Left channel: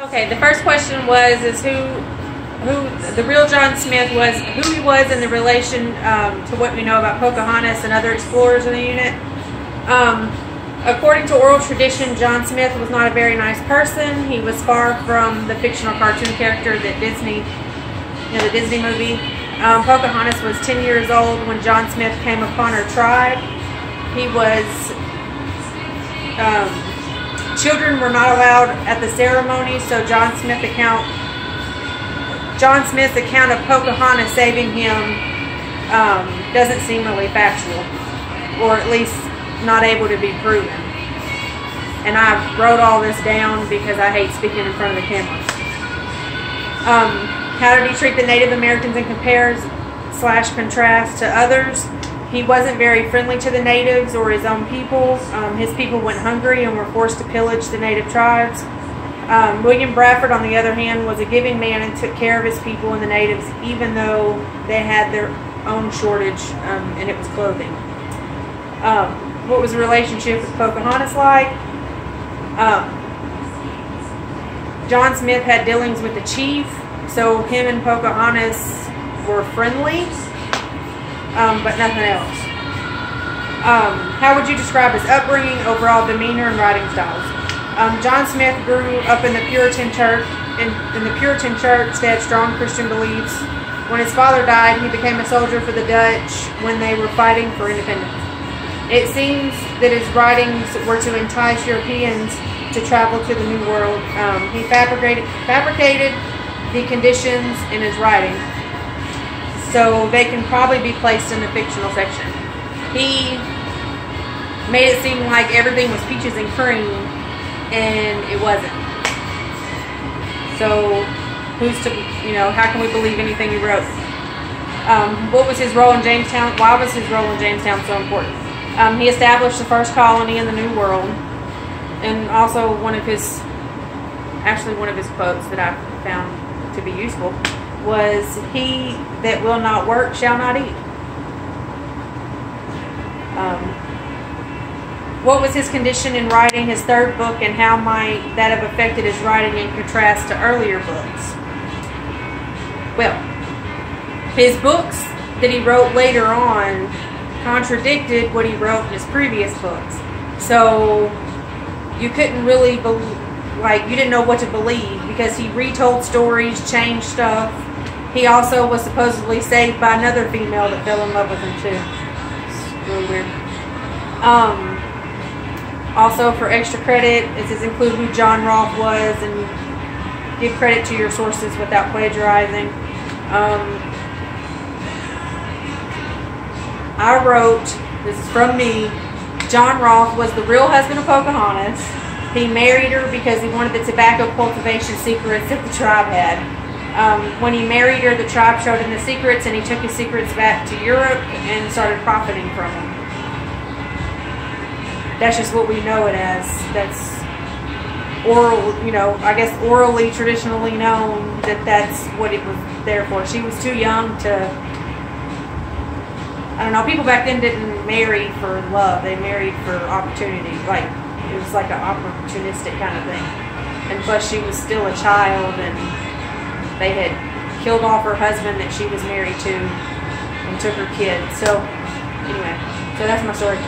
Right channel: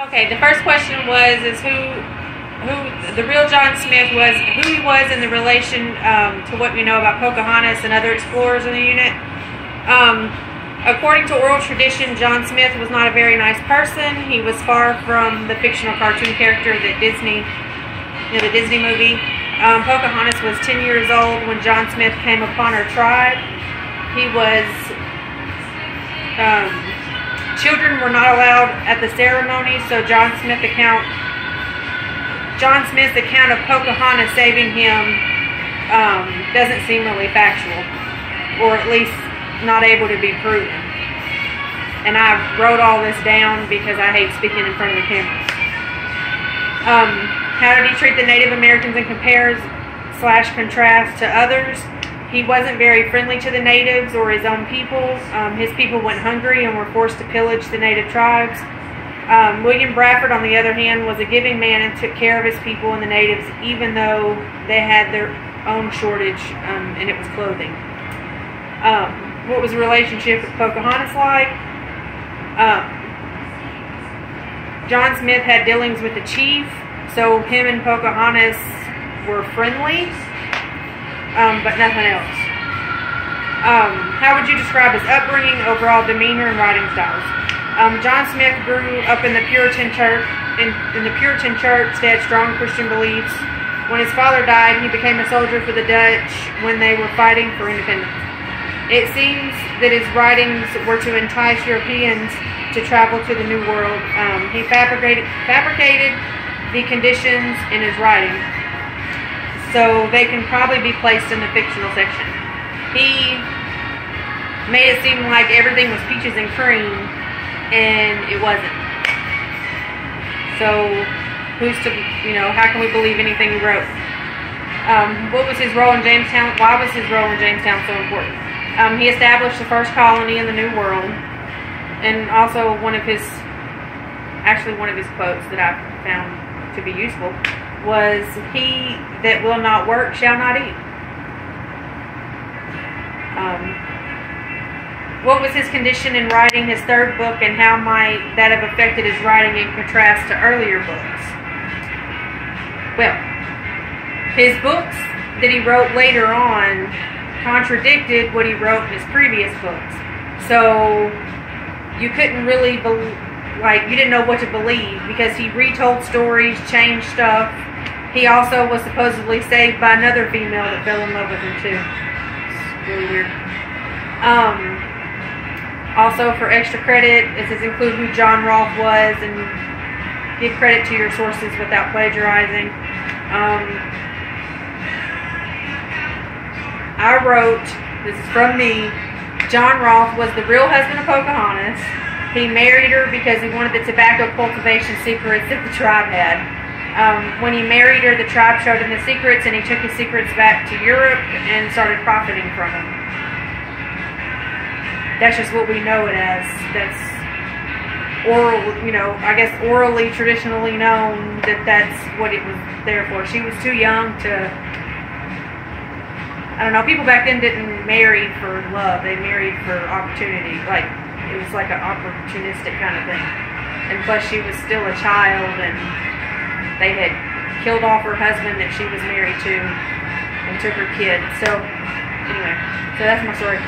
Okay, the first question was who the real John Smith was, who he was in the relation to what we know about Pocahontas and other explorers in the unit. According to oral tradition, John Smith was not a very nice person. He was far from the fictional cartoon character that Disney, the Disney movie. Pocahontas was 10 years old when John Smith came upon her tribe. He was, children were not allowed at the ceremony, so John Smith's account of Pocahontas saving him doesn't seem really factual, or at least not able to be proven. And I wrote all this down because I hate speaking in front of the cameras. How did he treat the Native Americans and compare/contrast to others? He wasn't very friendly to the natives or his own people. His people went hungry and were forced to pillage the native tribes. William Bradford, on the other hand, was a giving man and took care of his people and the natives, even though they had their own shortage, and it was clothing. What was the relationship with Pocahontas like? John Smith had dealings with the chief, so him and Pocahontas were friendly, but nothing else. How would you describe his upbringing, overall demeanor, and writing styles? John Smith grew up in the Puritan church. In the Puritan church, they had strong Christian beliefs. When his father died, he became a soldier for the Dutch when they were fighting for independence. It seems that his writings were to entice Europeans to travel to the New World. He fabricated the conditions in his writing, so they can probably be placed in the fictional section. He made it seem like everything was peaches and cream, and it wasn't. So who's to, how can we believe anything he wrote? What was his role in Jamestown? Why was his role in Jamestown so important? He established the first colony in the New World, and also one of his quotes that I found to be useful was, "He that will not work shall not eat." What was his condition in writing his third book, and how might that have affected his writing in contrast to earlier books? Well, his books that he wrote later on contradicted what he wrote in his previous books. So you couldn't really you didn't know what to believe, because he retold stories, changed stuff. He also was supposedly saved by another female that fell in love with him too. It's really weird. Also, for extra credit, it says include who John Rolfe was and give credit to your sources without plagiarizing. I wrote, this is from me, John Rolfe was the real husband of Pocahontas. He married her because he wanted the tobacco cultivation secrets that the tribe had. When he married her, the tribe showed him the secrets, and he took his secrets back to Europe and started profiting from them. That's just what we know it as. That's oral, I guess orally, traditionally known that that's what it was there for. She was too young to, I don't know, people back then didn't marry for love. They married for opportunity. It was like an opportunistic kind of thing. And plus she was still a child, and they had killed off her husband that she was married to and took her kid. So anyway, so that's my story.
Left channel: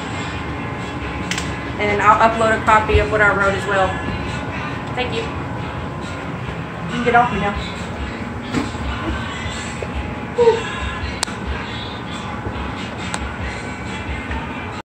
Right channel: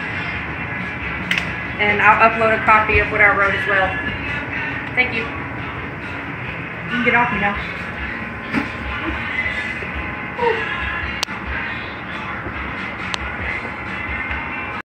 And I'll upload a copy of what I wrote as well. Thank you. You can get off me now.